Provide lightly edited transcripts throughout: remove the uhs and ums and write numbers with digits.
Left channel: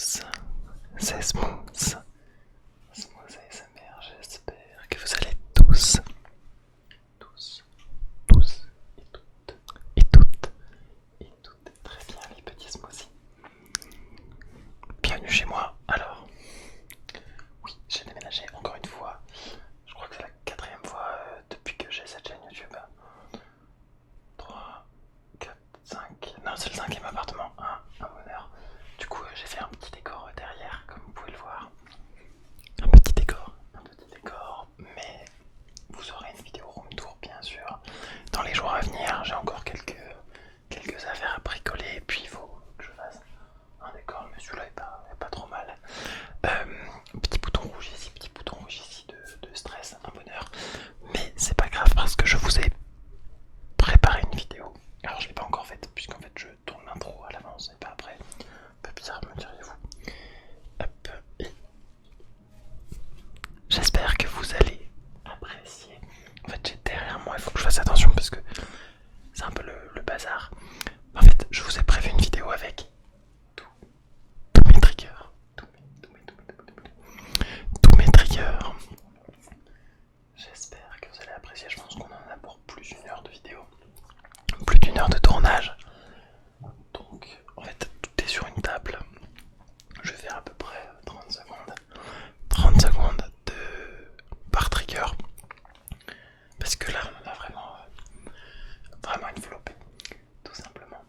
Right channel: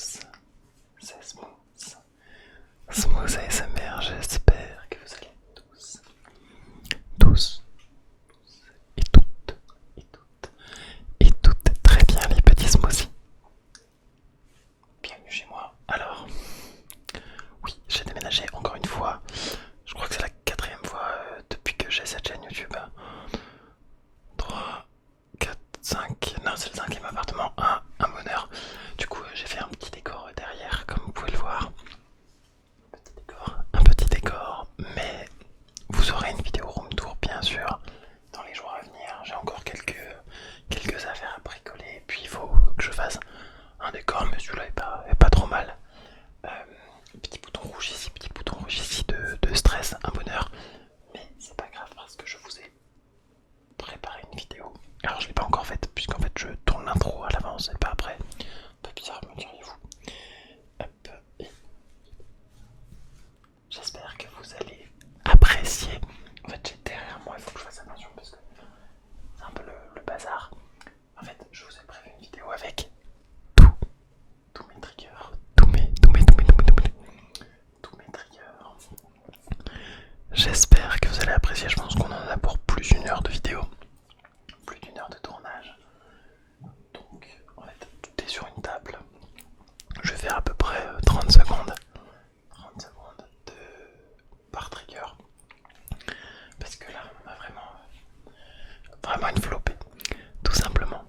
tous, c'est Smooth, Smooth ASMR, j'espère que vous allez tous, et toutes très bien les petits smoothies. Bienvenue chez moi. Alors, oui, j'ai déménagé encore une fois, je crois que c'est la 4e fois depuis que j'ai cette chaîne YouTube. 3, 4, 5, non c'est le 5e appartement, un bonheur. Du coup j'ai fait un petit décor derrière comme vous pouvez le voir. Un petit décor, mais vous aurez une vidéo room tour bien sûr dans les jours à venir. J'ai encore quelques affaires à bricoler et puis il faut que je fasse un décor, mais celui-là est pas trop mal. Petit bouton rouge ici de stress, un bonheur. Mais c'est pas grave parce que je vous ai préparé une vidéo. Alors je l'ai pas encore faite puisqu'en fait je tourne l'intro à l'avance et pas après. Un peu bizarre me diriez-vous. Hop, et j'espère que vous allez apprécier. En fait j'ai derrière moi, il faut que je fasse attention parce que c'est un peu le bazar. En fait je vous ai prévu une vidéo avec tous mes triggers. Tous mes triggers. J'espère que vous allez apprécier, je pense qu'on en a pour plus d'une heure de vidéo. Plus d'une heure de tournage. Donc en fait tout est sur une table. Je vais faire à peu près 30 secondes. 30 secondes par trigger. Parce que là on a vraiment une flopée. Tout simplement.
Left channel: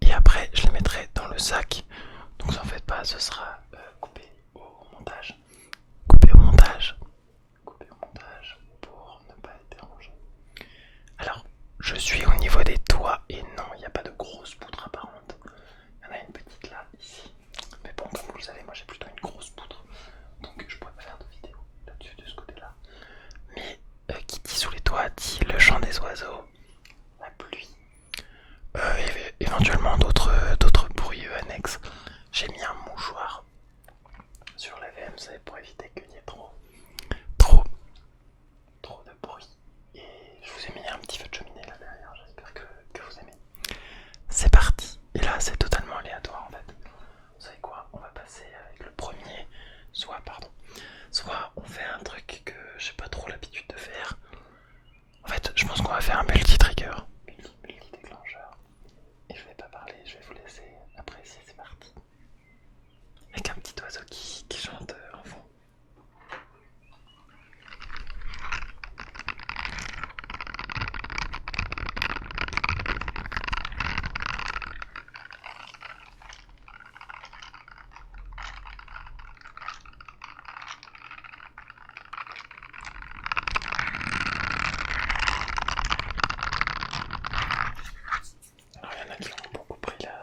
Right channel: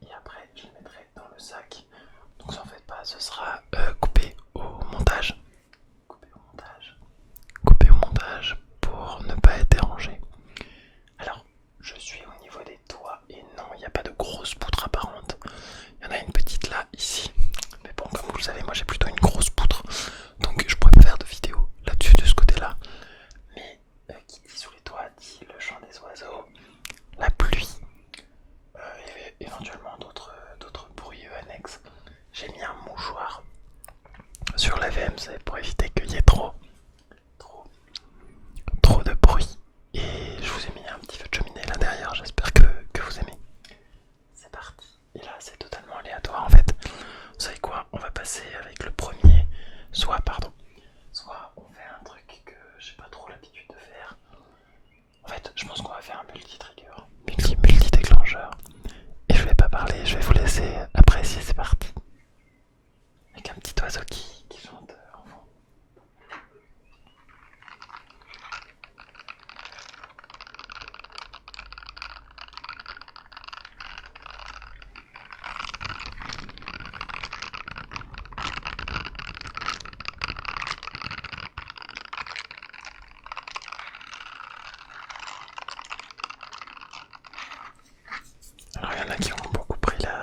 Et après je les mettrai dans le sac. Donc en fait pas, ce sera coupé au montage. Coupé au montage. Coupé au montage pour ne pas être dérangé. Alors je suis au niveau des toits et non, il n'y a pas de grosse poutre apparente. Il y en a une petite là, ici. Mais bon, comme vous le savez, moi j'ai plutôt une grosse poutre. Donc je pourrais pas faire de vidéo là-dessus, de ce côté-là. Mais qui dit sous les toits dit le chant des oiseaux, la pluie, et éventuellement d'autres bruits annexes. J'ai mis un mouchoir sur la VMC pour éviter qu'il y ait trop de bruit. Et je vous ai mis un petit feu de cheminée là derrière, j'espère que vous aimez. C'est parti. Et là c'est totalement aléatoire en fait. Vous savez quoi, on va passer avec le premier. Soit on fait un truc que j'ai pas trop l'habitude de faire. En fait je pense qu'on va faire un multi-trigger, multi-déclencheur. Et je vais pas parler, je vais vous laisser apprécier, c'est parti. Avec un petit oiseau qui chante en fond. Alors il y en a qui ont beaucoup pris la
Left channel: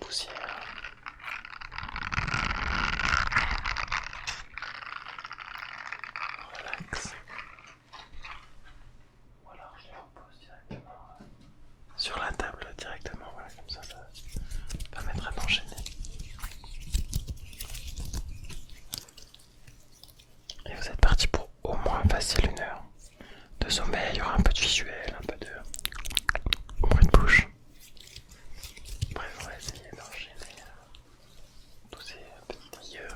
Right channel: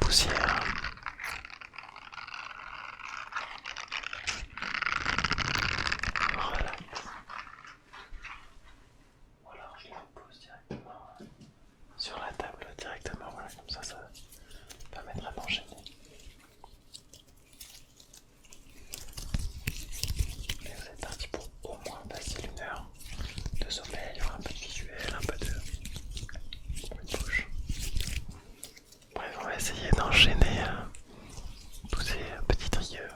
poussière. Relax. Ou alors je les repose directement sur la table directement, voilà, comme ça permettra d'enchaîner. Et vous êtes parti pour au moins facile 1 heure de sommeil. Il y aura un peu de visuel, un peu de bruit de bouche. Bref, on va essayer d'enchaîner tous ces petits triggers.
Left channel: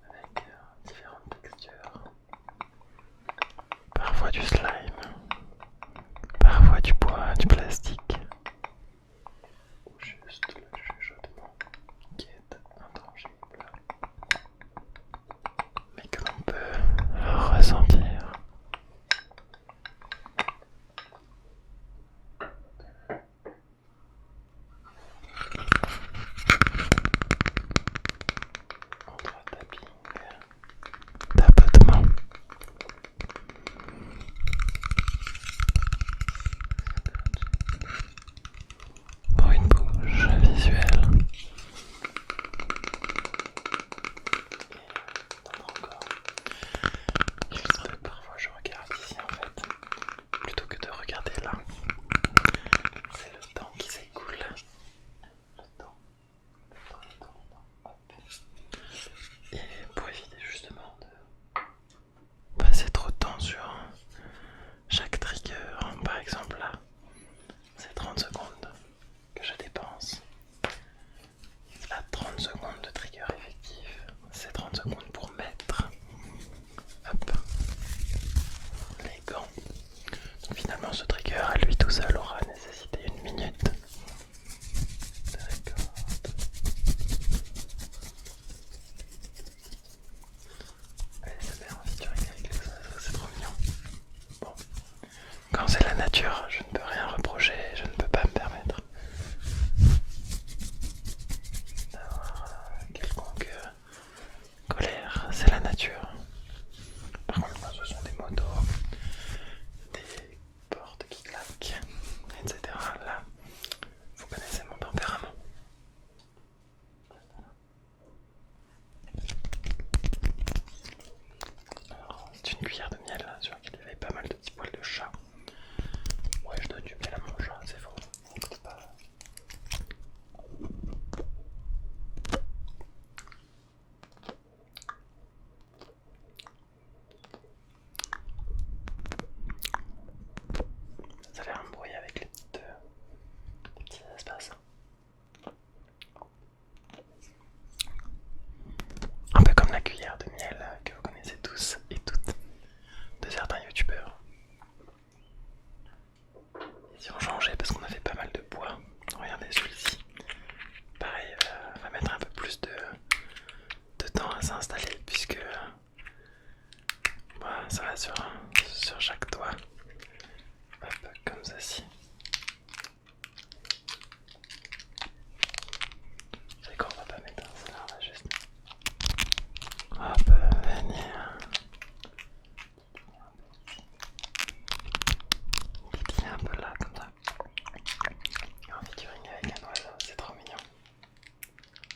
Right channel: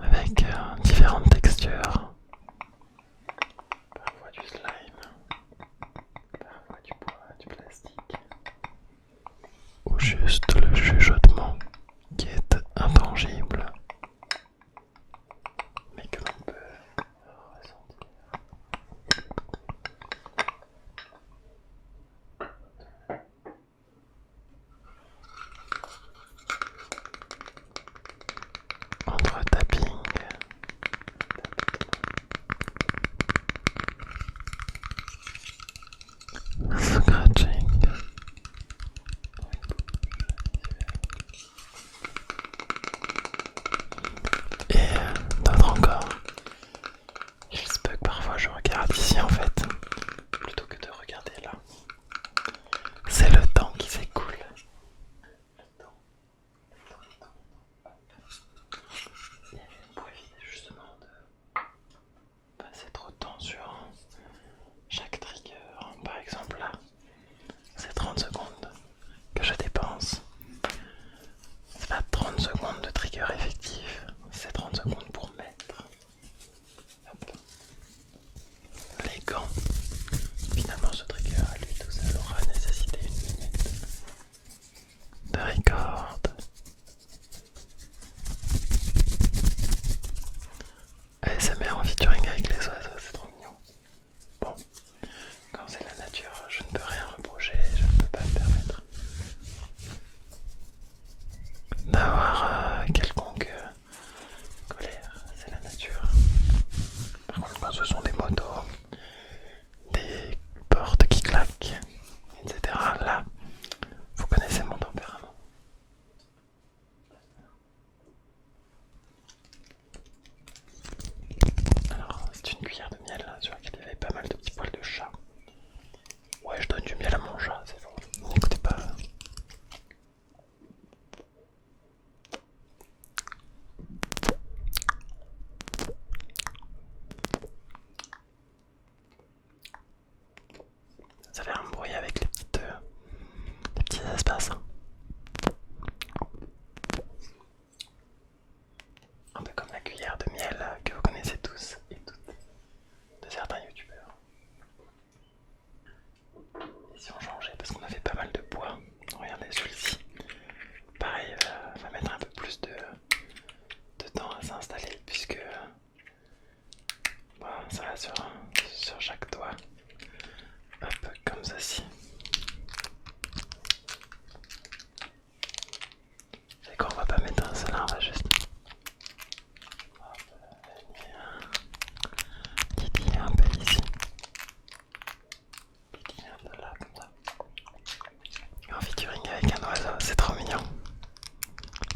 Avec différentes textures, parfois du slime, parfois du bois, du plastique, ou juste le chuchotement qui est intangible, mais que l'on peut ressentir. Entre tapping, tapotement, scratching, bruit de bouche visuel. s'installer puisque voilà, ça va sur chaque doigt. Hop, comme ceci. C'est qu'on va pas mettre un seul, on va juste hop, venir titiller un peu ici, titiller un peu là, comme ça. Et en featuring avec un oiseau, c'est trop mignon.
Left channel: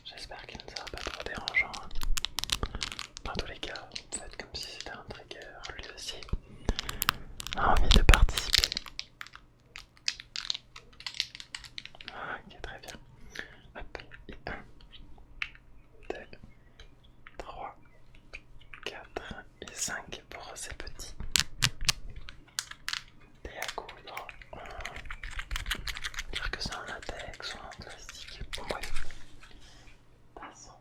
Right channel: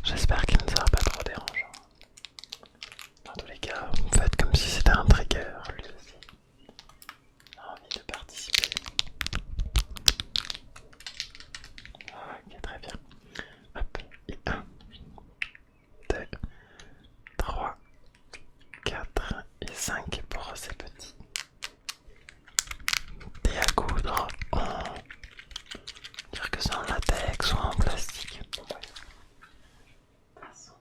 J'espère qu'il ne sera pas trop dérangeant. Dans tous les cas, faites comme si c'était un trigger, lui aussi a envie de participer. Ok, très bien. Hop, et 1, 2, 3, 4 et 5 pour ces petits. Et à coudre en... dire que c'est en latex ou en plastique. Bon, bref. Passons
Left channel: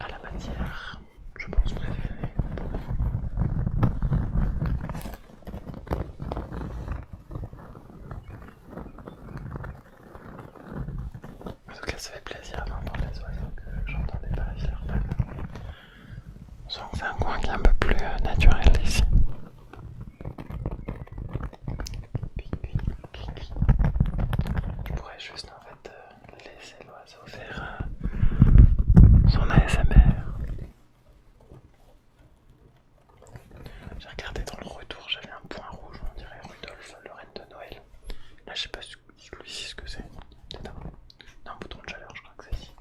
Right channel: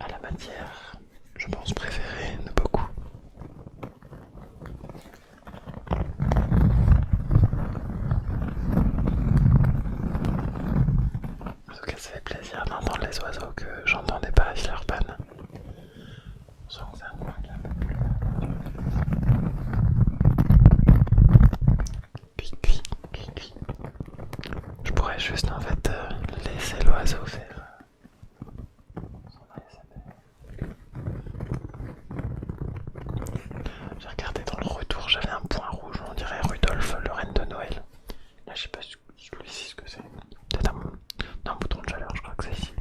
à la matière, je pense préférée de beaucoup. En tout cas, ça fait plaisir d'entendre les oiseaux que j'entendais pas à Villeurbanne. On sent que c'est un coin qui est un peu plus naturel ici. Cui. Je pourrais juste en fait laisser l'oiseau faire son ASMR. J'ai regardé dans le retour, j'avais un point rouge, on dirait Rudolph, le reine de Noël. Là, je sais pas ce que c'est. Peut-être un bouton de chaleur, je crois que c'est ici.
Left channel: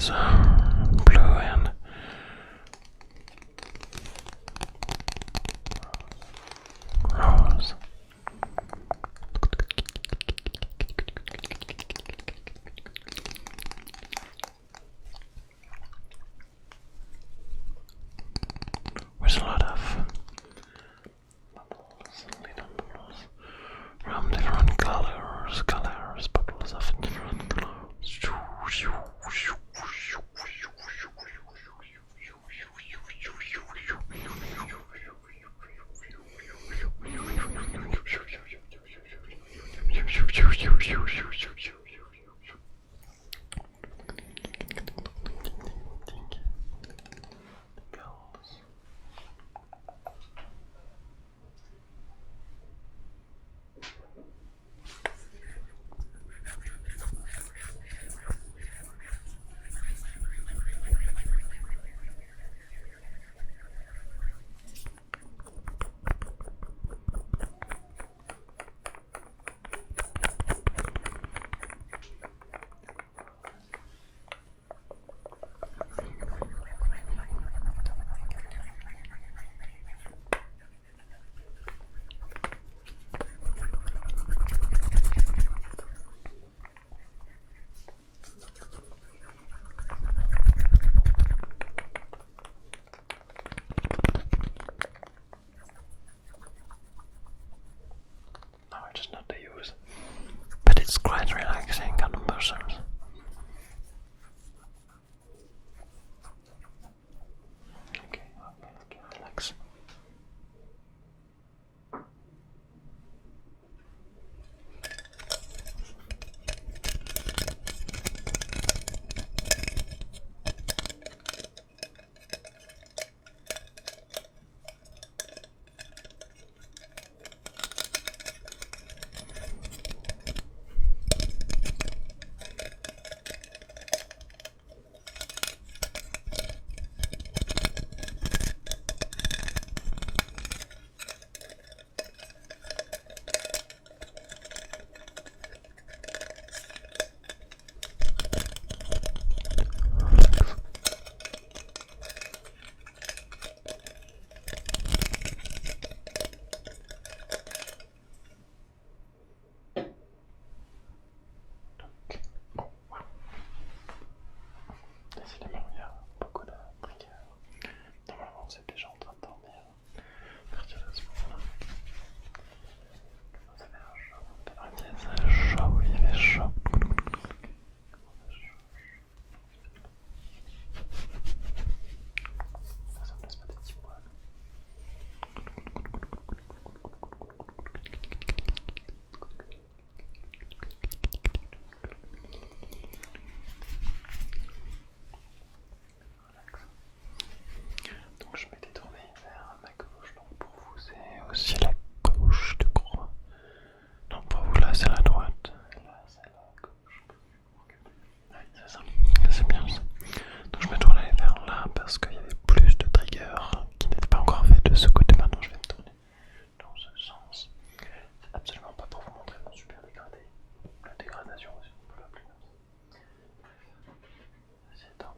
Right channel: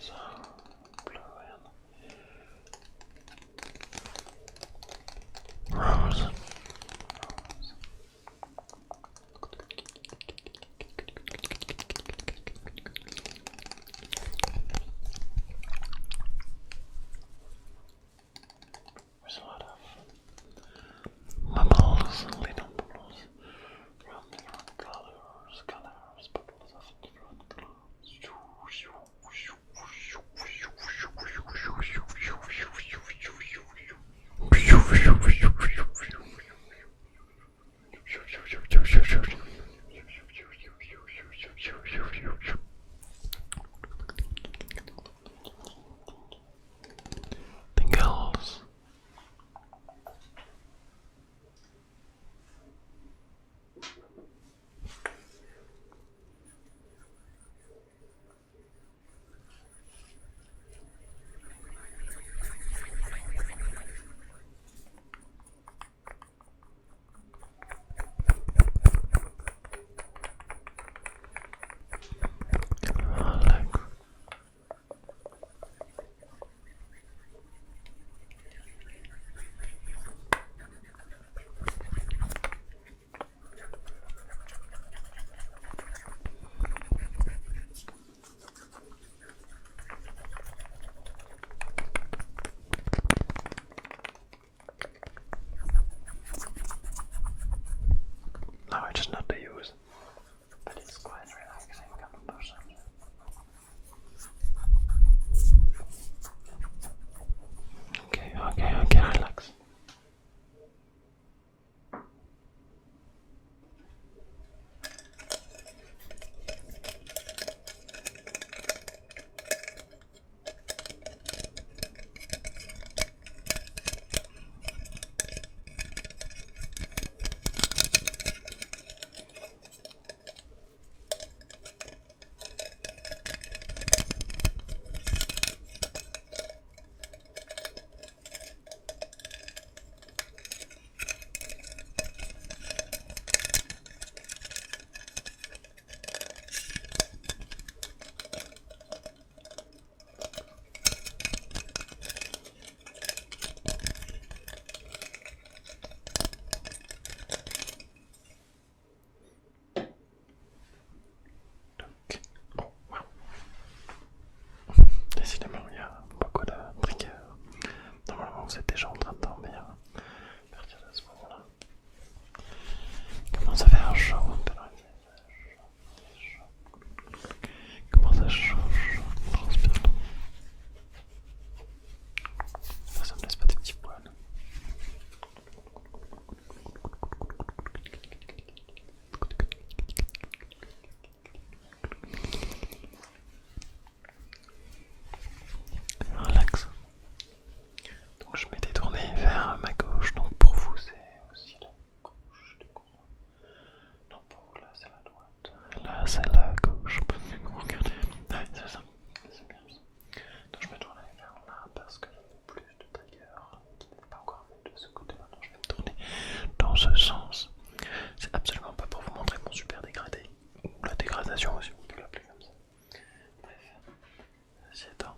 is blue and rose. Rose. There's a lot of bubbles, little bubbles from different colors, bubbles of different colors. Tingles. No, I just not to use, but it's quite relaxing on the muscles. Okay, relax. Décidément, il y a beaucoup de triggers. Normalement, vous êtes déjà en train de dormir. À partir de ce moment-là, il commence à faire chaud. Chaud, il fait chaud. Il commence à chaud, transpire. Ça me laisse pas des petits poils. Relax. Donc je m'étais tourné vers ma gauche, donc pour vous c'est aussi la gauche de croix. Donc pour vous là c'est la droite, là c'est la gauche. Regardez, ouais, c'est ça, c'est bien ça. Donc je me tournais vers là parce qu'il y avait plus de triggers qui n'étaient pas encore faits de ce côté. Maintenant je vais me tourner dans ce sens. C'est absolument pas pour vous montrer mon super dégradé, ou la dégradation aussi, on peut l'appeler comme ça. Bref, c'est temps.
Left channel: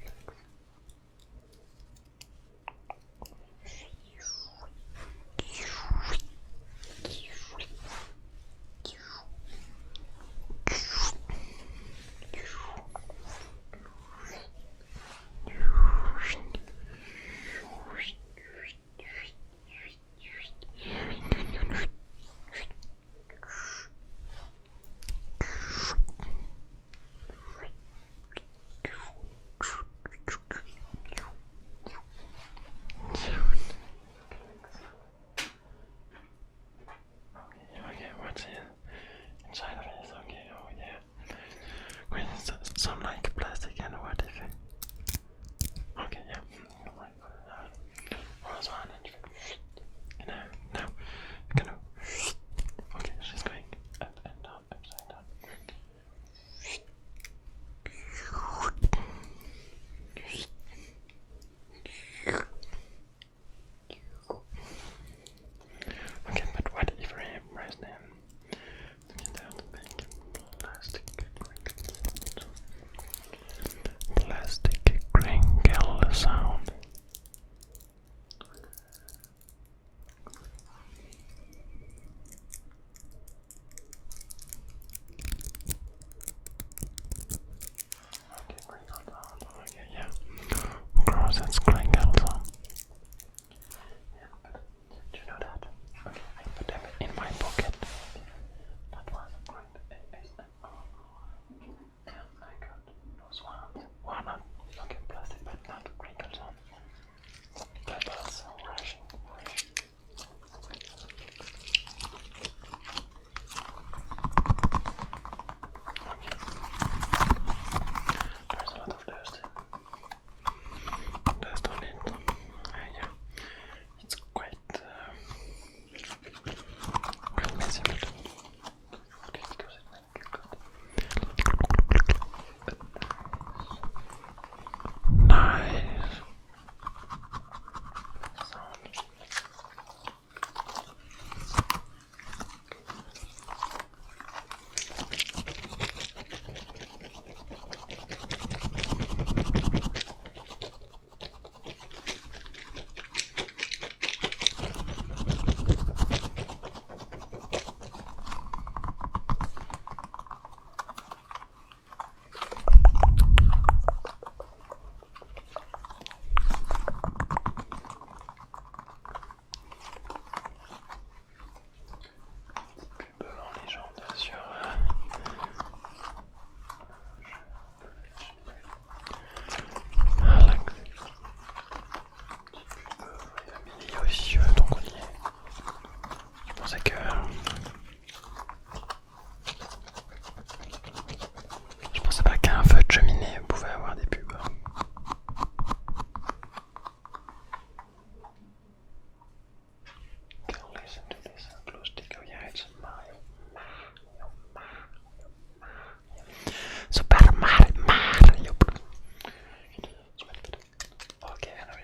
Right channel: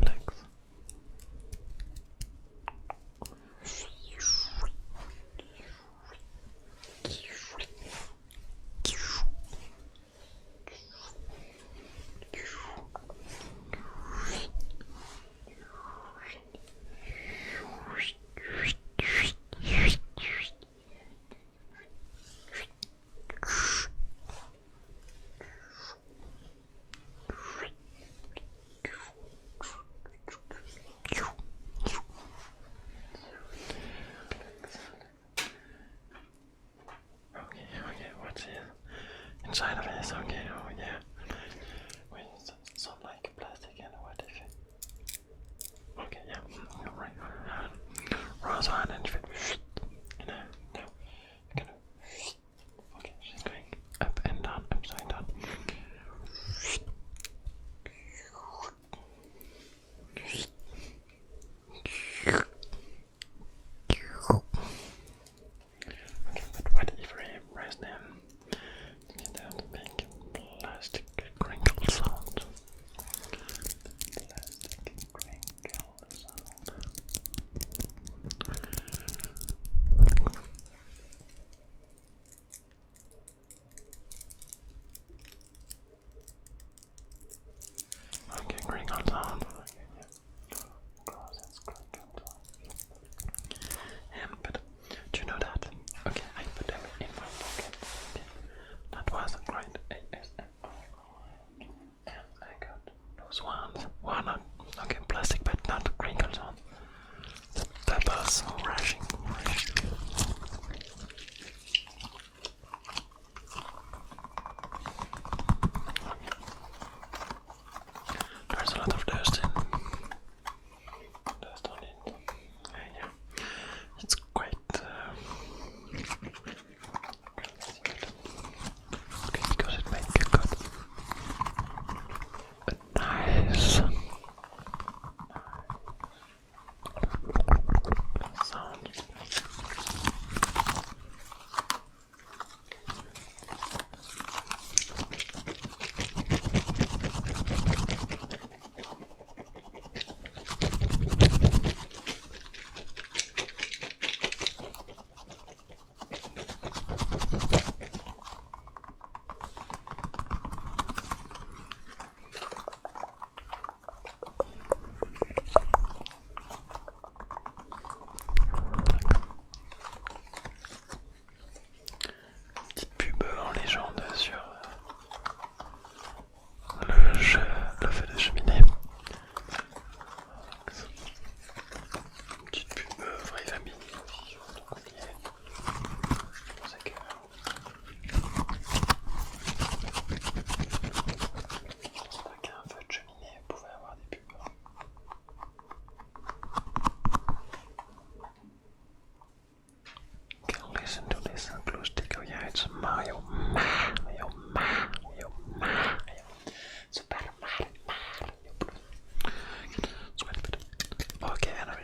Relax.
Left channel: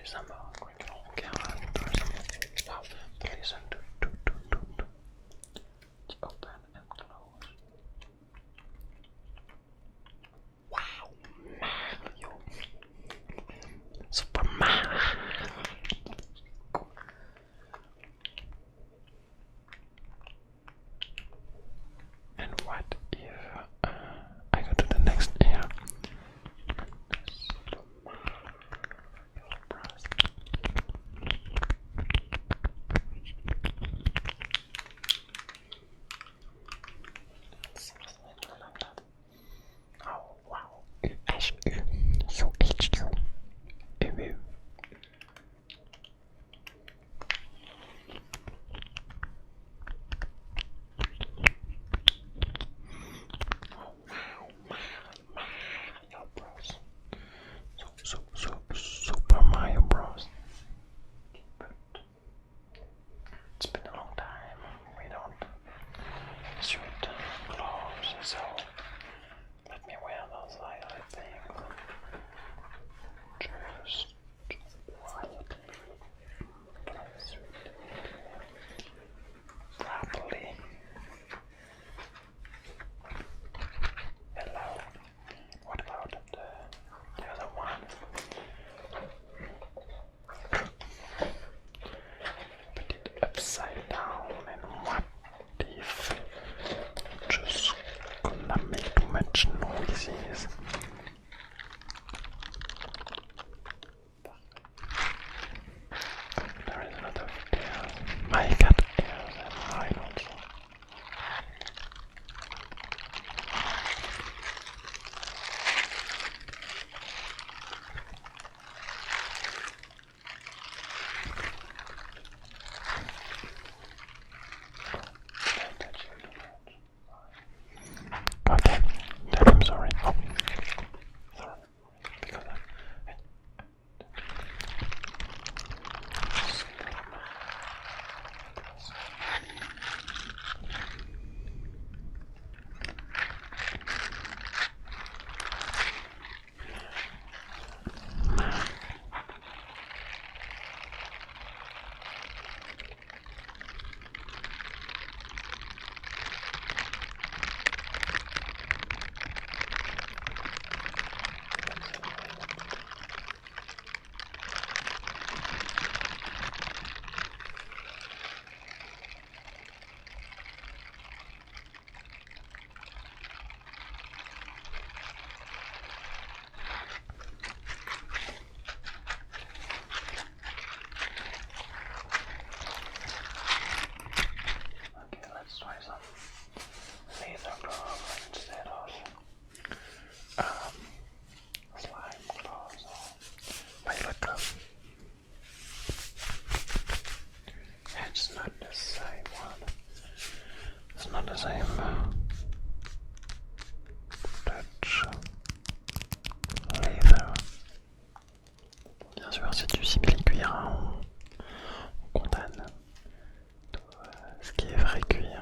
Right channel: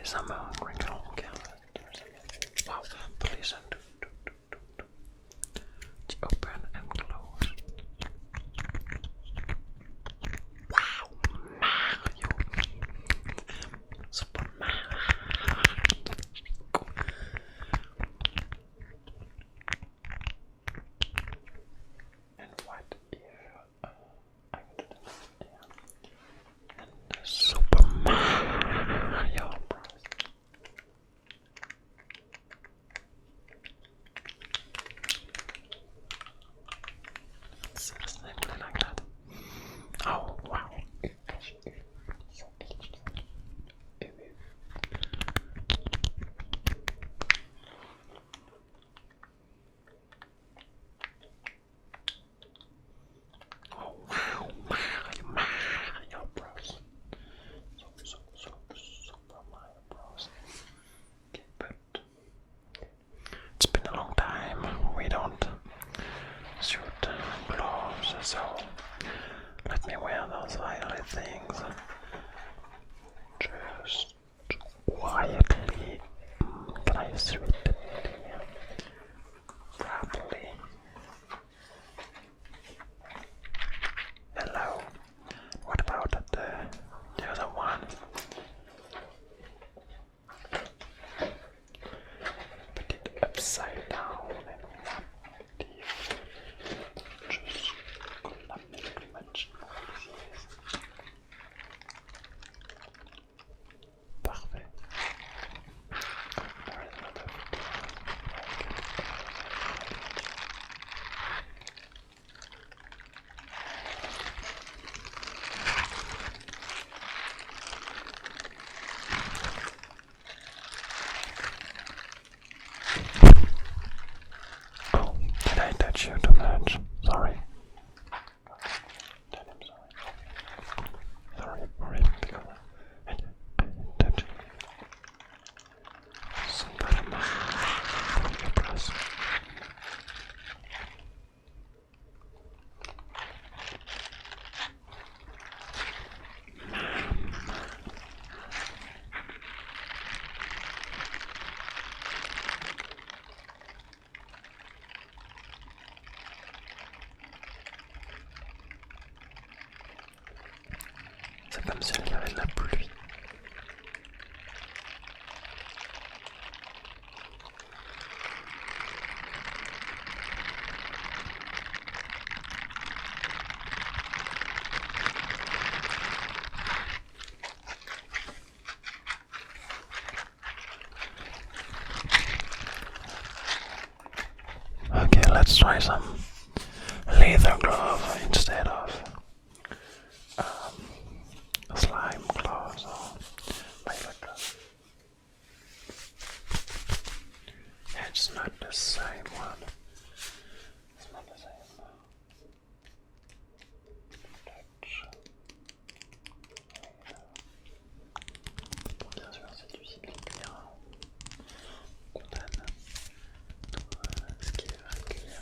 some crinkle camera. Wow, listen to it's open and close. Wow, Mario, Super Mario. And what if I go to the next ear and Super Mario Bros. It's simply like that. Oh wow, UHU, UHU, UU. Oh wow, Mario Bros. Super Mario Bros. Okay, but it's been a long time. We don't shoot gloves, so let me wear those violet things. Just quietly place it properly. Hello. What about the other one? Put it upside down, and what if just gonna make too much noises? Parfait. There is a lot of my cat ears and I don't know. Oh, did I touch you too much? Sorry. Okay, tell him sorry. Oh, sorry for it because I touched Super Mario Bros. C'est comme s'il y avait de la pluie. Okay, let's try some leather glove instead of slime gloves or violet glove. It's not the same one. It's not the same touch. Leather. Bien sûr, c'est du simili-cuir. Hein. On condamne ce qui est vrai cuir.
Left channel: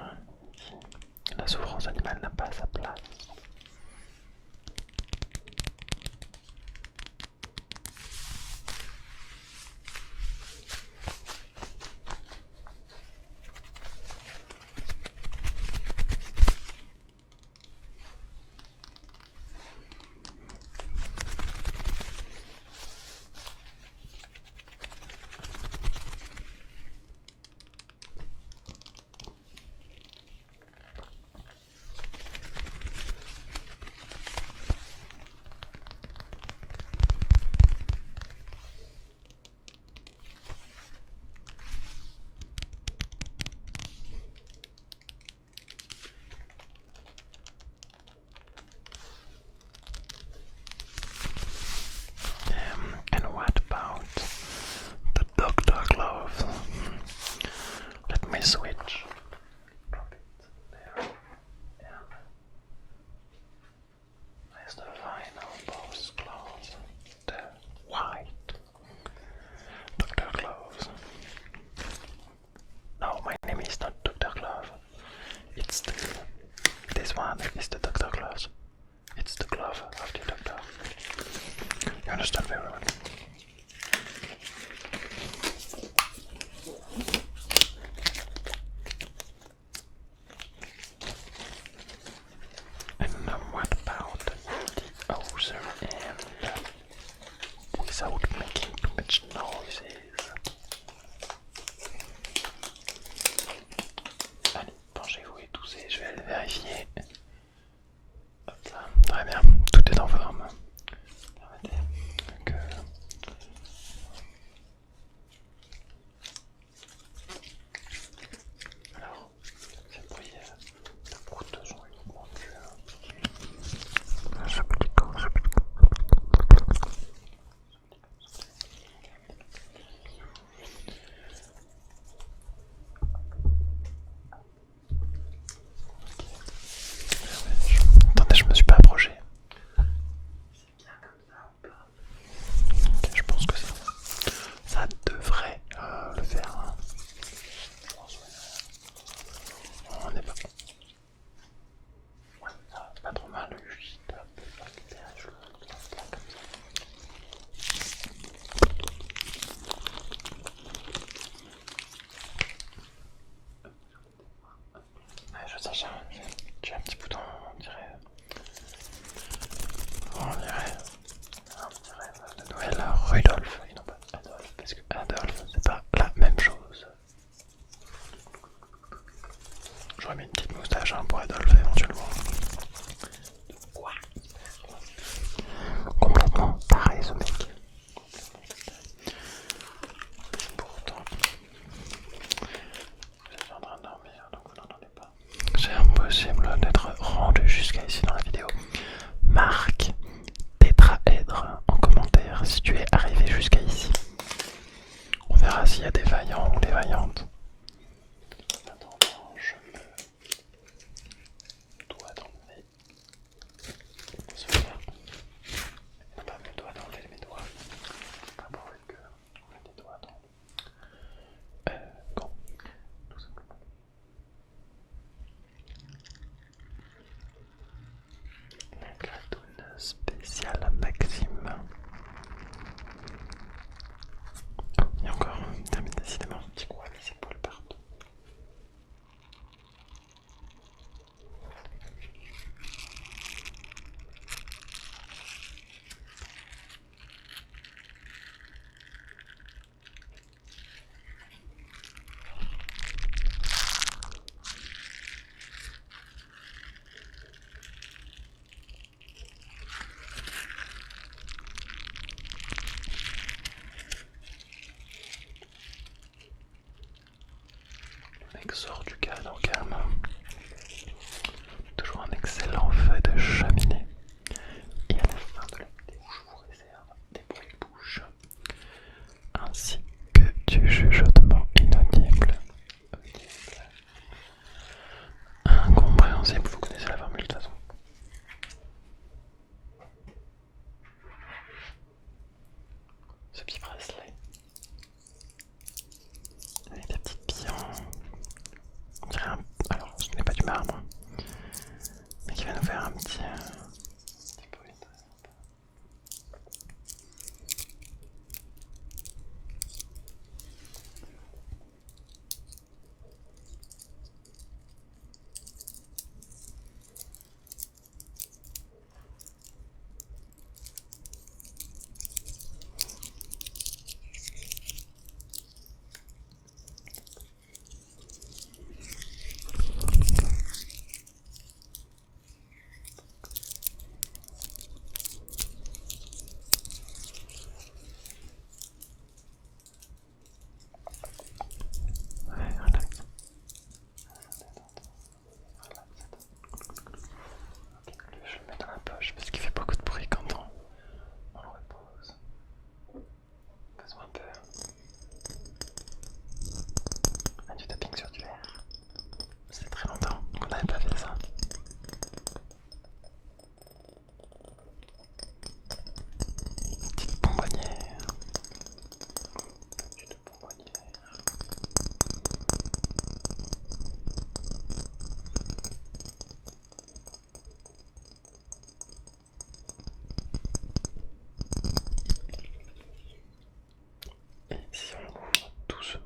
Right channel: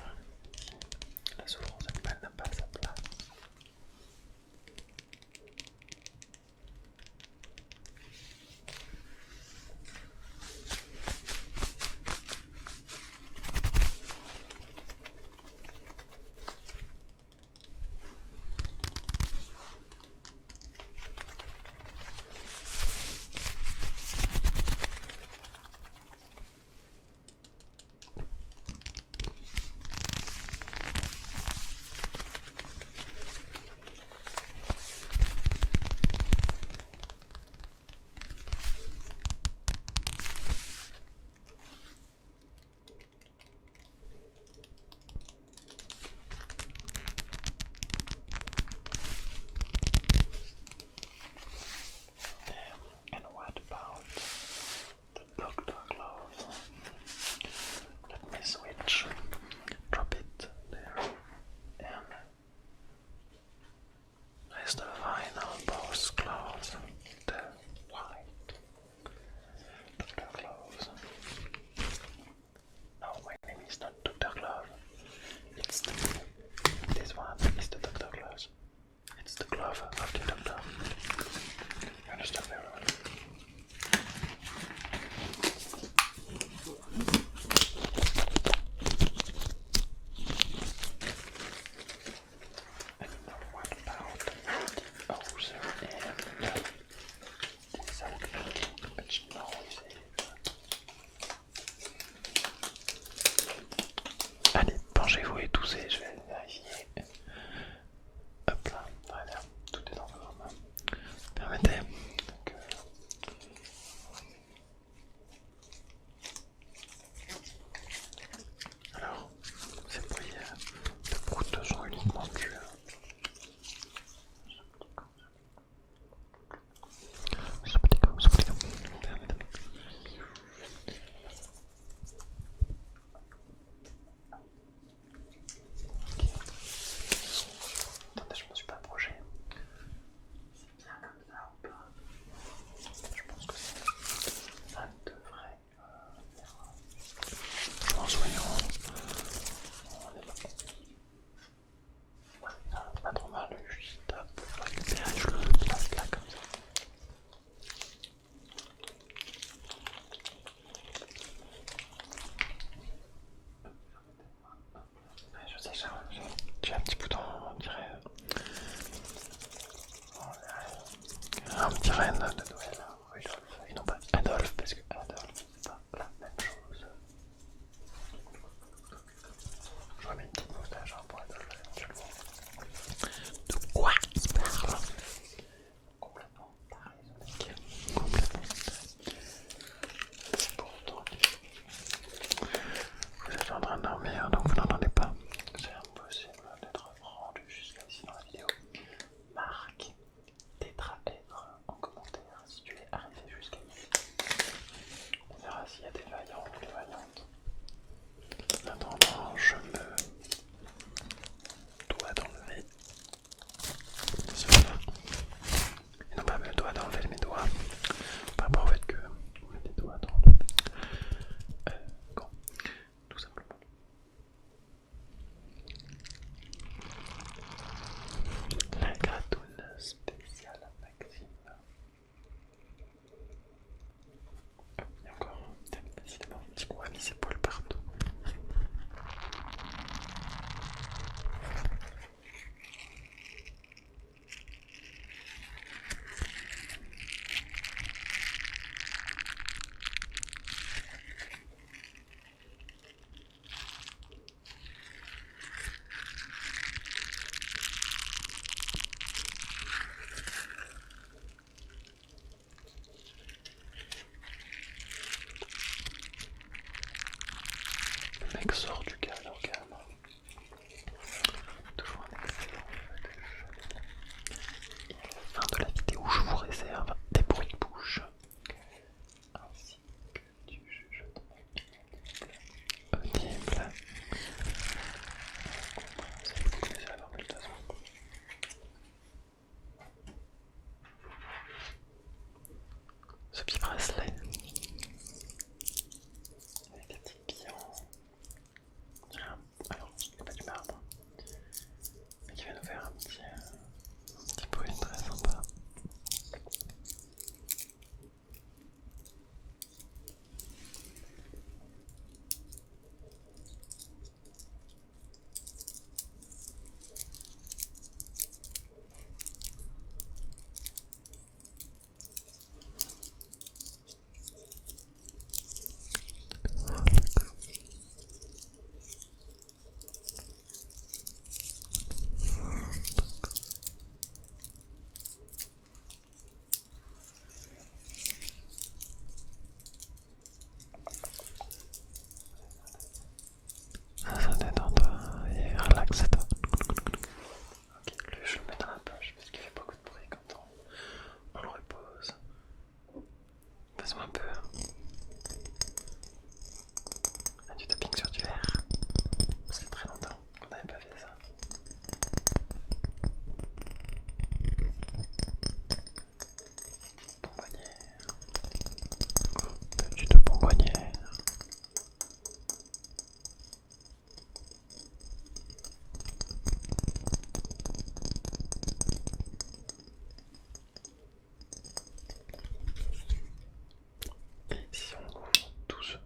La souffrance animale n'a pas sa place. much noises. Allez, penchez-vous et toussez, je vais aller vérifier. Hop là, très bien, tout est en forme. Permettez que... Alors, ces bruits de proutes sont uniquement dus. Attendez, je me suis pas approché. C'est bien comme ça ou pas? Ok, je pense que ça devrait le faire. Hein. En soignant, on est pas bon. Ouais, ça va pas trop mal. Juste récupérer, je le place là comme ça. Ouais, je sais, j'ai un petit bouton, on dirait un petit reine de Noël, Rudolph, et non pas Adolphe, parce que Adolphe, c'est pas la même chose. J'aurais mis une petite moustache hein, pour Adolphe éventuellement. De quoi il parle? Complètement pareil ce mec. Complètement pareil. Pourtant, vous êtes en train de dormir donc vous n'entendez pas. C'est impossible d'être rendu jusqu'à ici dans la vidéo. Marque tétraèdre en commentaire si tu es arrivé jusqu'à ici. On verra s'il y a des vaillants ou des vaillantes. En attendant, je me dois d'enlever cela. Et non pas me dois d'enlever mes doigts. Pas pour le fait que on met des doigts dans le gant, tout simplement. La gratoune spéciale Maxime. Et encore, décidément, c'est quoi mis ses poils partout. Le mec sort du cadre calme. Toujours un excellent feu de cheminée. Et à la fin de la vidéo, je vous réserve des bruits de bouche ainsi que du chuchotement inaudible, audible, incompréhensible. Vous connaissez la formule de toute façon. Ce petit bracelet avec des petites billes on dirait alors ce n'est pas du marbre mais qui va nous faire un petit bruit très sympa. Ouais, relax. Ça détend-toi et relaxe-toi. Ok, lui je le mets dans la poche parce qu'il fait beaucoup de bruit quand on le repose. Fais-moi un peu du tapping sur du verre. C'est très longtemps qu'on n'avait pas fait ça. Petite bonbonnière. Petite bonbonnière. Et si on ouvre doucement,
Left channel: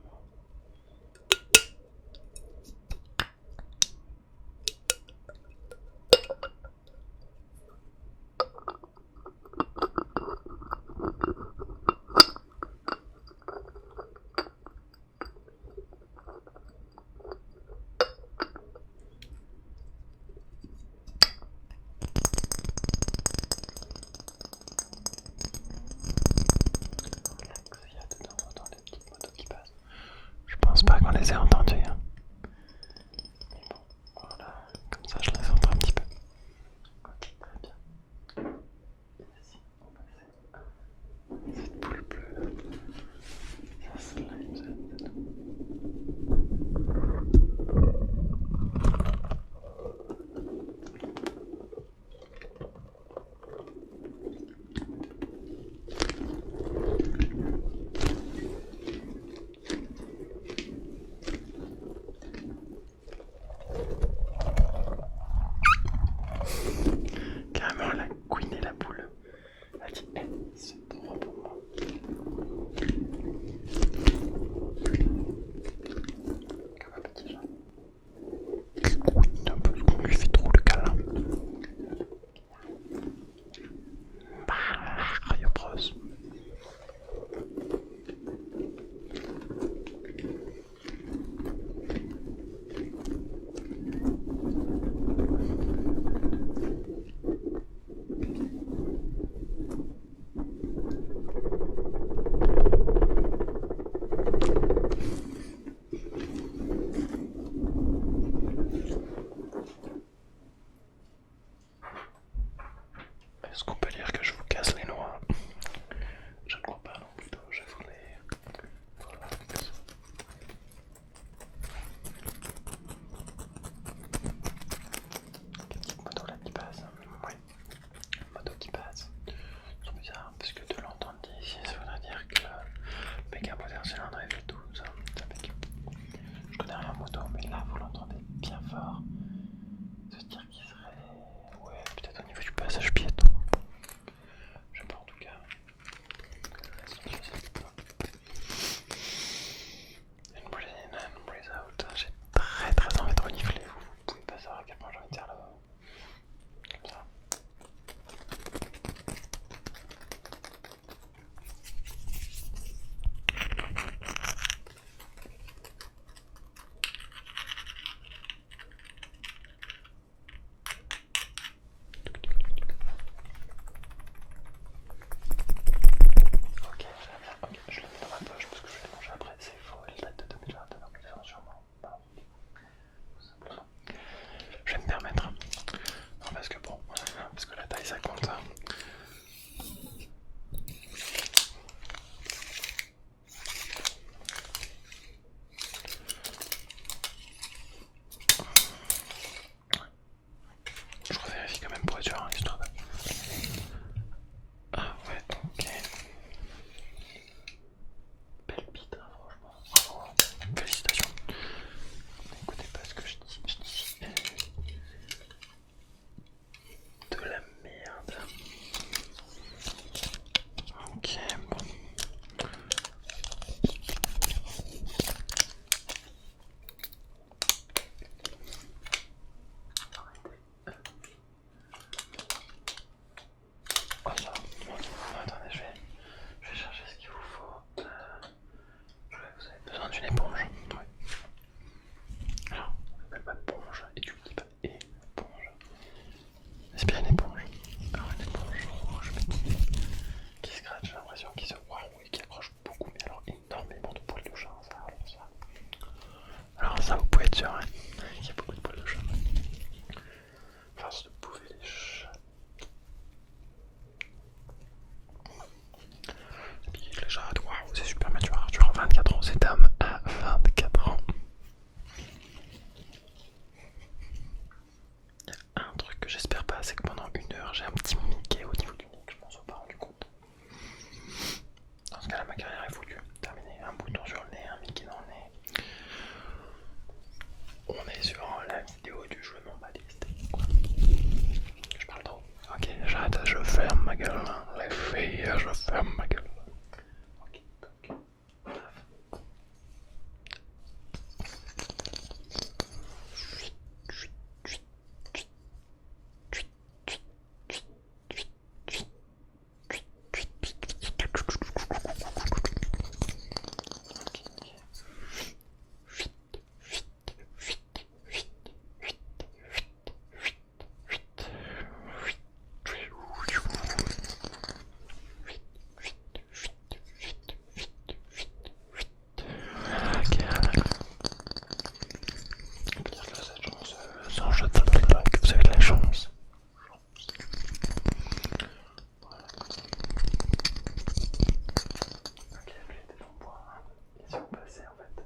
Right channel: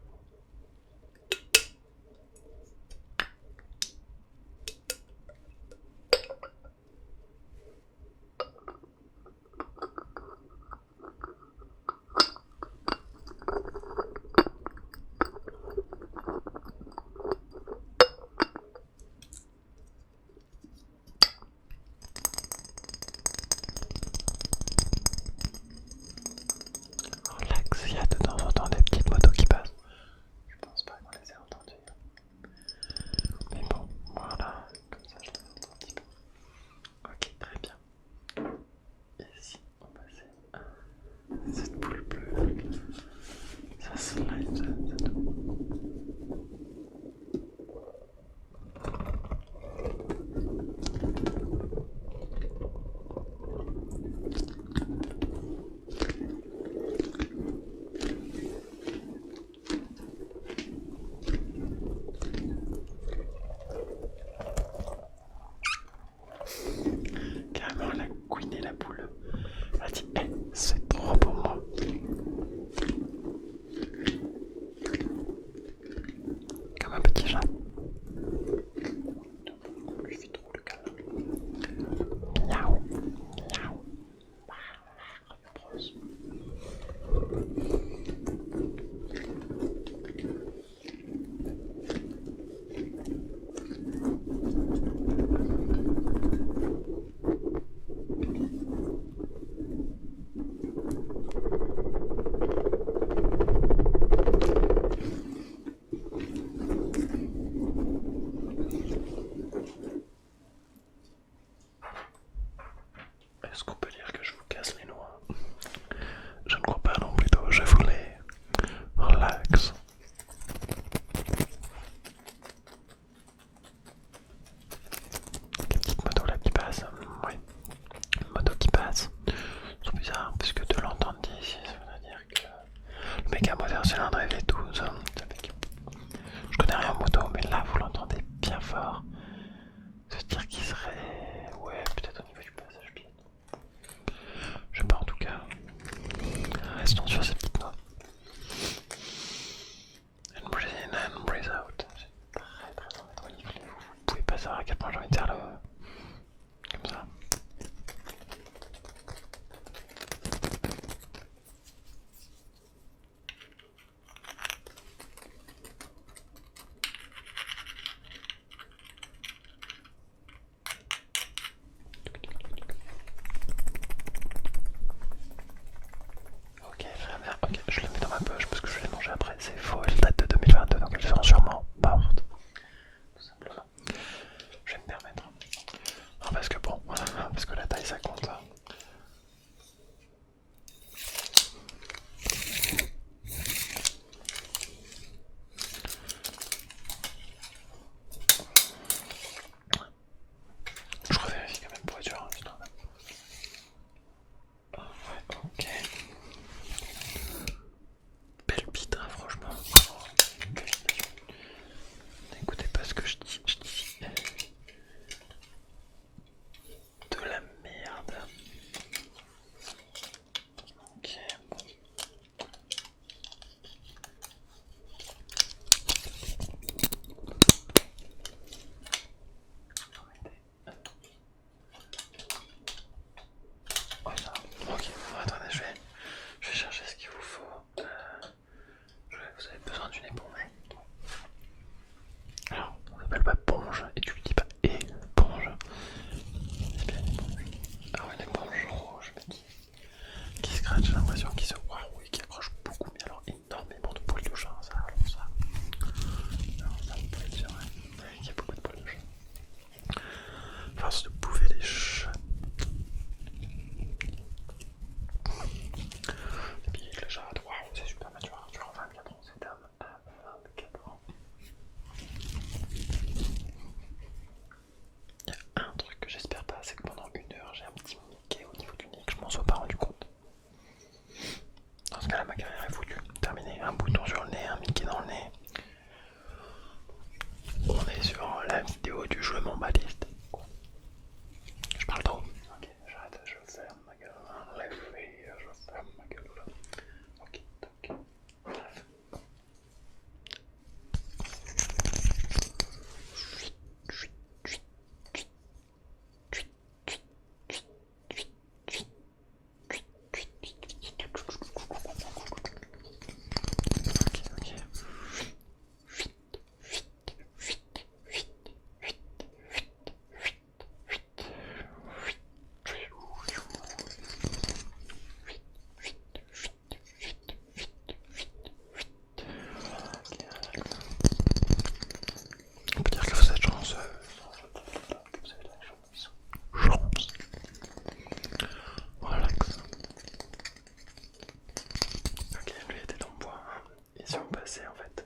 si on passait en fait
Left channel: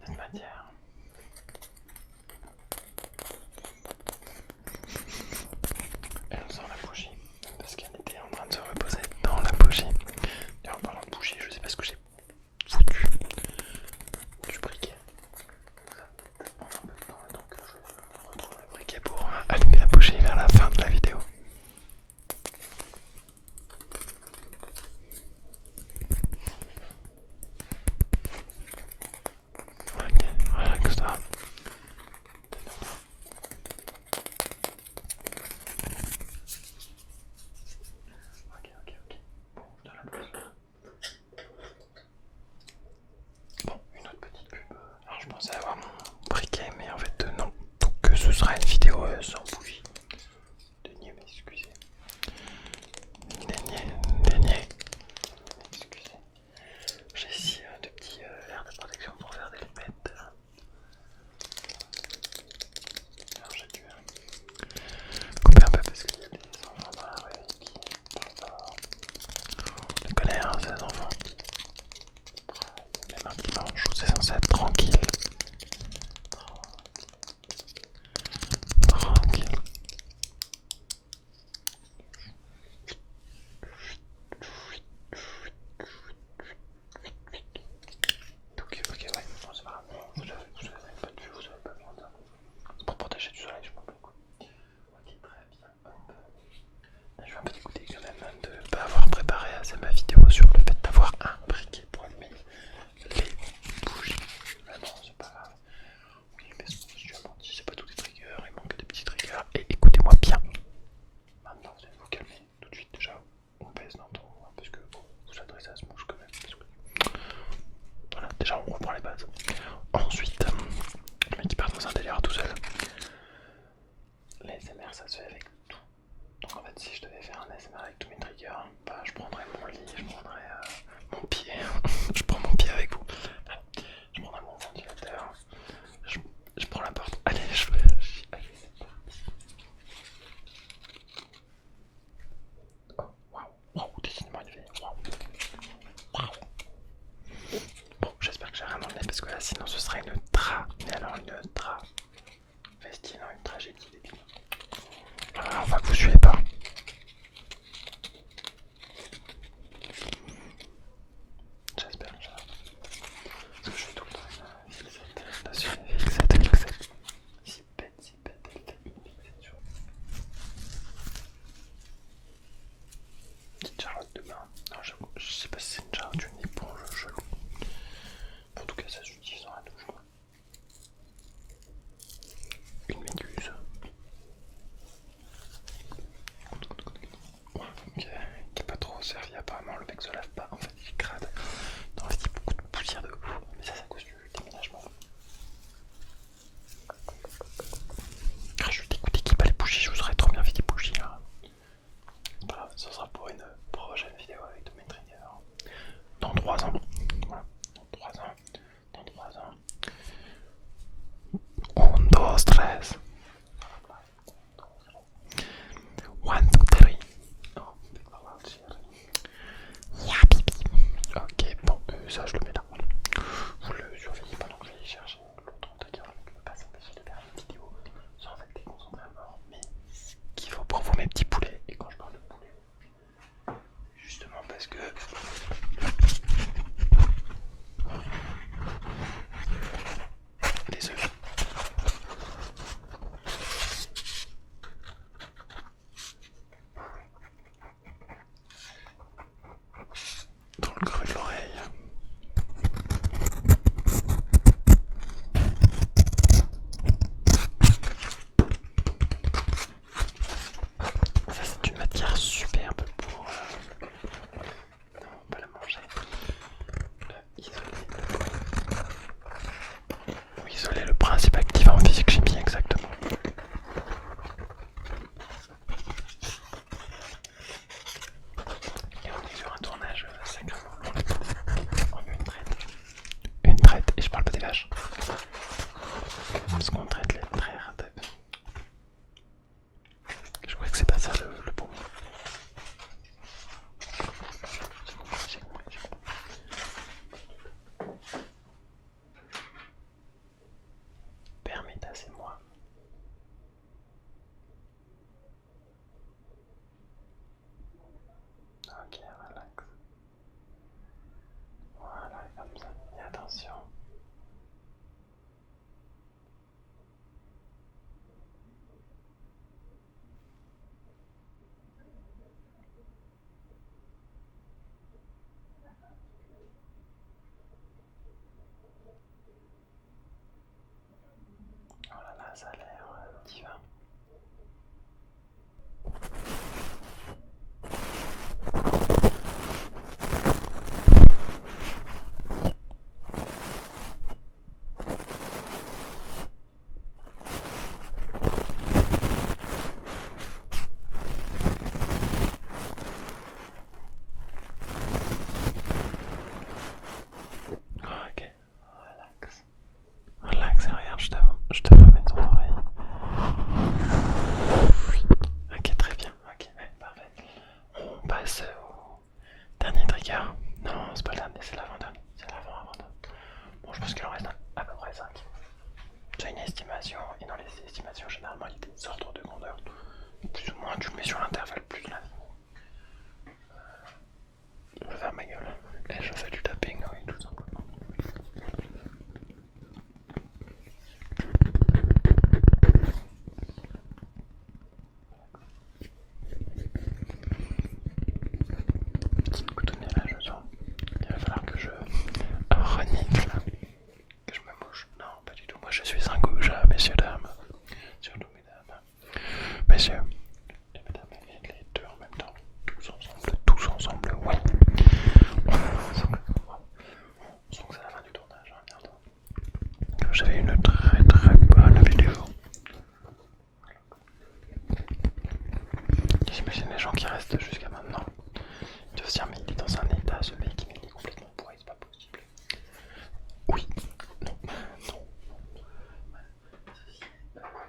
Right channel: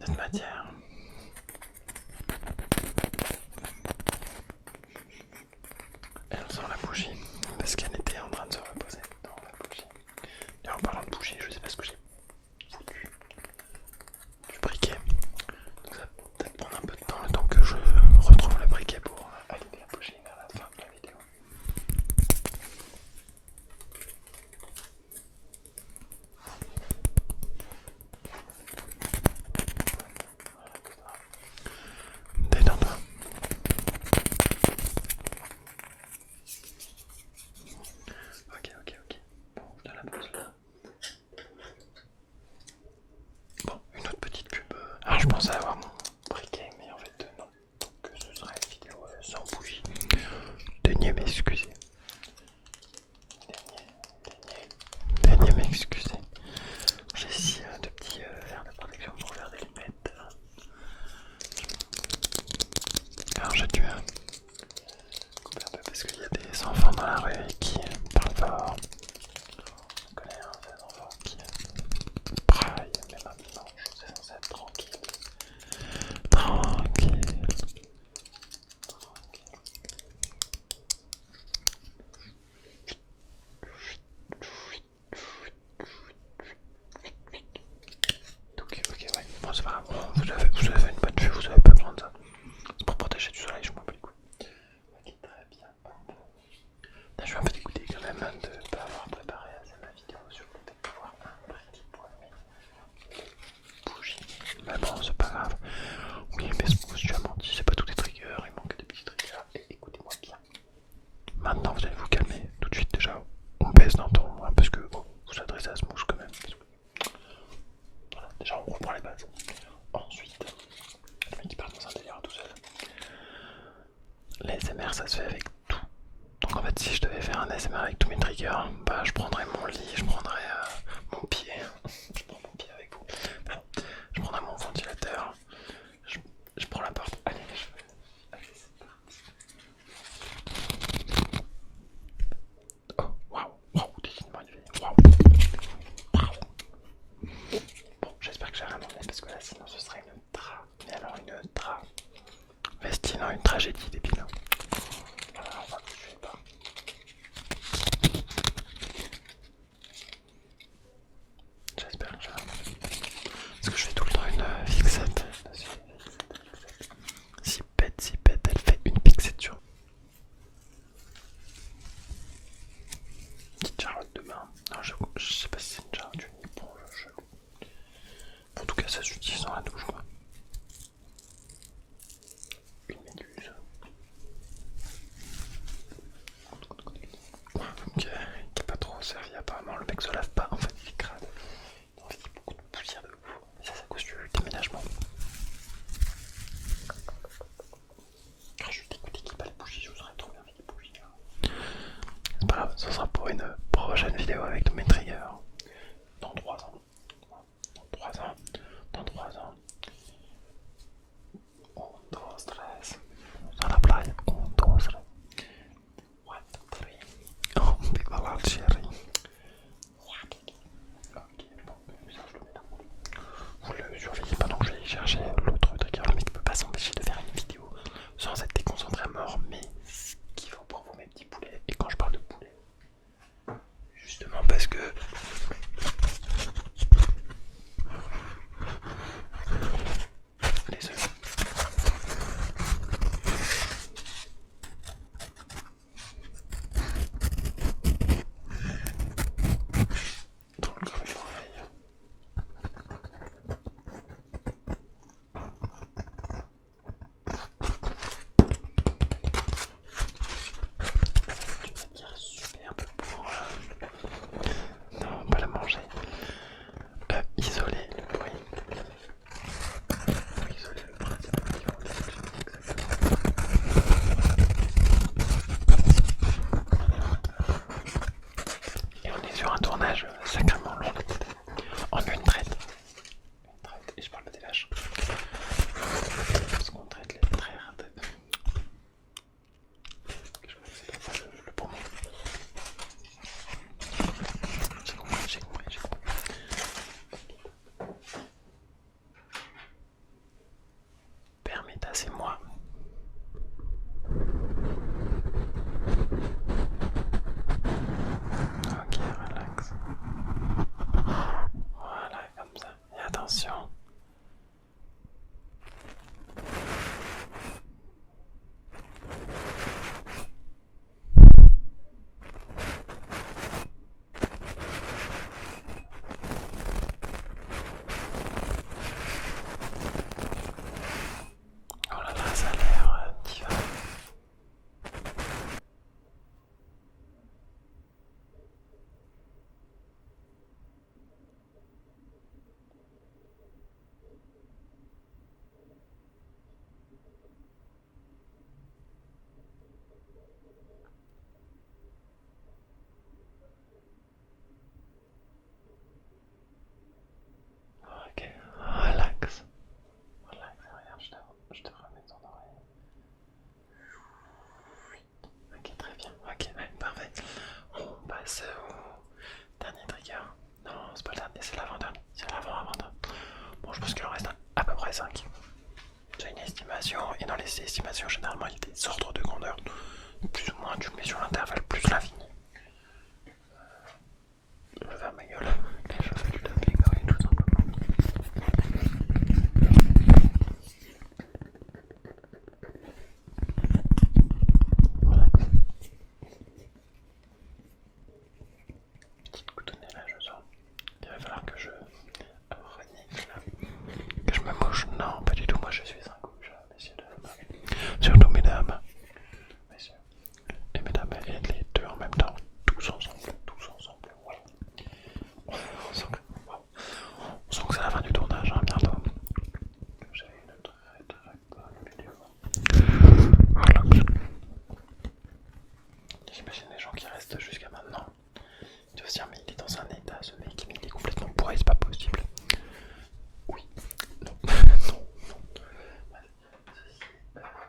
notre matière. Et on sort la bougie parce qu'elle était en train de se reposer dans la bougie. Et en parlant de bougie, je sais pas ce que j'ai foutu du briquet. Ça va peut-être prendre un peu de temps le temps que je retrouve le briquet pour allumer la bougie vers la fin de la vidéo. Ok, relaxe-toi. Détends-toi. Ok. Bon, je te la pose là. Bon, une autre petite pub. Alors je pensais avoir mon briquet, mais en fait non. Donc ce sera une vidéo sans bougie. Daignez m'excuser. Daignez m'excuser. J'ai ici de petits verres de protection pour faire des lunettes. Alors j'ai dû couper un peu parce qu'il y a des enfants dans la rue qui parlent fort. Je connais ces enfants qui braillent même un dimanche où c'est censé être tranquille. Tranquille. Ok, ouais, non, c'est pas grave. Vous avez une bonne vue, vous avez pas besoin de ça. C'est pour protéger du soleil, je m'en bats les couilles. Ok, très bien. Là, je suis un peu dégoûté quand même de ne pas avoir préparé assez ma vidéo sur le fait d'avoir un briquet pour allumer les bougies. Mais bon, c'est pas grave. Oui, mais tu as menti, c'est pas tous des triggers, il manque des petits triggers. Et écoutez-moi bien. Maintenant, vous allez vous calmer tout de suite déjà. On baisse d'un ton, hein, parce que bon, vous vous adressez à ce mouche quand même. Voilà, déjà on reprend les bases. Ensuite, le mec qui part dans un délire tout seul. Les ASMR ça se fait avec tout. Donc en fait si je devais faire un ASMR avec tous mes triggers, bah je prendrais mon lit, je prendrais mon pied, je prends mon pied avec vous. Enfin, je prendrais mon ventilateur, je prends la porte. Allez, allez c'est parti. Oh waouh, décidément il fait waouh. Bon, j'espère que je vais rien enlever parce que là sinon ce serait une mais alors une vestine, une tragédie débile. Alors, on voit que vous suivez pas. J'espère que parce que je fais tout le temps une fixette dessus, fixette. Si bête, elle fait une fixette sur. Petite Charlotte de main. Non, je sais pas si c'est une Charlotte, une éponge, chelou. En tout cas, ça s'utilise dans la douche, quoi. Une méduse. Ouais, qui est pas trop servi apparemment, le mec se lave pas, en fait il est crade. En fait il y a beaucoup de poussière de ouf, mais ça c'est à cause du déménagement. Je suis dégoûté qu'il n'y ait pas les bougies, je vous aurais trop bien fait des bougies là. C'est pas grave, ça sera pour une prochaine vidéo avec tous mes triggers. Dans 3 ans. Voilà. Dans 3 ans. 1, 2, 3. Dans la playa. 1, 2, 3. 1, 2, 3. Oh, big ballad chérie. Yeah, pipi. Ok, bon, ça je le mets là. Vous le surveillez pendant que je vais aller chercher l'autre trigger. Le mec peut pas s'empêcher de faire une vidéo sans être déconcentré à mort, mais ce qu'il faut pour vous mes petits poulets. Et quand je parle de poulet, justement parce que les œufs. Dans le creux de l'oreille. C'est une matière superbe pour non, on va la manger. Isoler, oui. Isoler le principe actif en physique-chimie, exactement. Et on est sur un tournage sacrément long. En une traite, et je parle pas des vaches. Parce qu'on traite les traits. Je crois que c'est pas ça le bon mot. J'ai compris. Attention. Oh là là, ça a l'air divin. Ok, relax. Relax et regarde, je te remets ton oreille. Ok, très bien. Ok, ouais, parfait. On passe au dernier trigger. Non, c'est pas le dernier, c'est l'avant-dernier. C'est l'avant-avant-dernier. Bon, je pense qu'il en reste à peu près 5. C'est une estimation, et dans les estimations, généralement, il y a des ordres de grandeur. Plus ou moins, tu le mets sur l'intervalle plus l'infini. Je vais faire ma gueule et je fais du tapping, oui, tout simplement. Voilà. Petite coutonnée là, je sens. Il va falloir que je renifle, que je me mouche. Non, pas du tout. Moi, je suis un gouge, messieurs, dames. Surtout, mesdames, messieurs et mesdames, et les deux en même temps. Tous ensemble, oui. On sent que c'est la fin du tournage, hein, bientôt. J'avais une très bonne vidéo. Voilà. J'imagine les gens qui restent jusqu'à maintenant. Tu vas se dire, mais il est dans un état, ce mec, mais il est complètement bourré, c'est pas possible. Oui, non, non, non. Ceci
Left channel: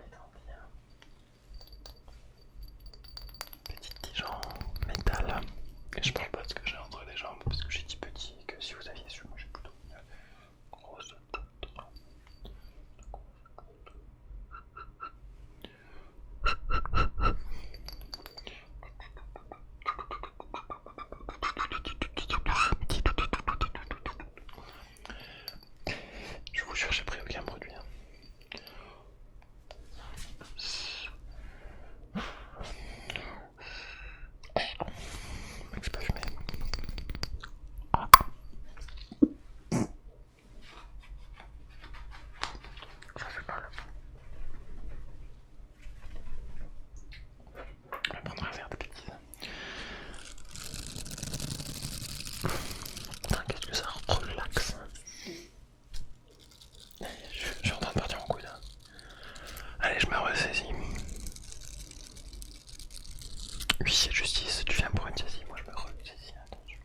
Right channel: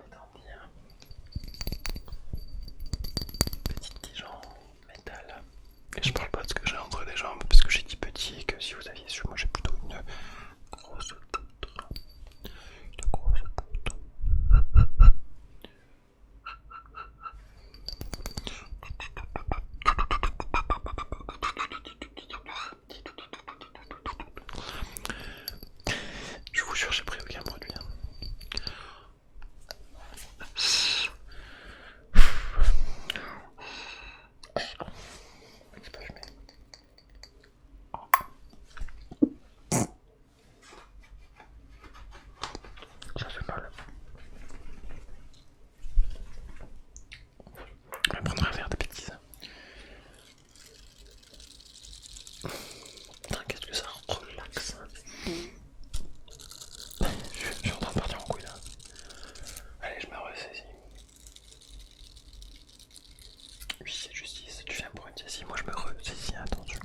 étant dit, petit tige en métal. Et je parle pas de ce que j'ai entre les jambes, parce que j'ai dit petit et que si vous aviez su, moi j'ai plutôt une grosse poutre. Une grosse poutre. Je vous jure, j'ai pris aucun produit. Hein. Je peux fumer. Ça fait mal. Je vais prendre un verre de bêtises. Qu'est-ce que ça relaxe. Je suis en train de partir en couille là. Allez, je me ressaisis. Oui, c'est justice, tu viens pour une saisie, moi je me ressaisis, attention.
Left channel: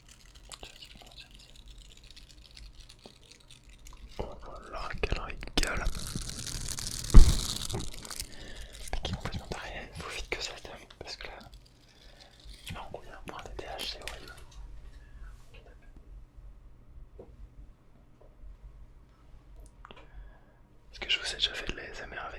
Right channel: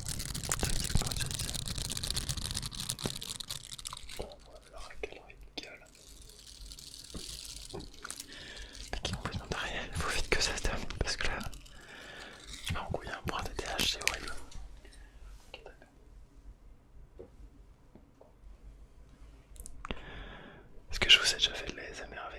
Oh là, quelle régale. Qui complètement taré, faut vite que ça se termine parce que là, je vais en couille pour un TTH, c'est horrible. Est-ce que je vous ai déjà fait de l'ASMR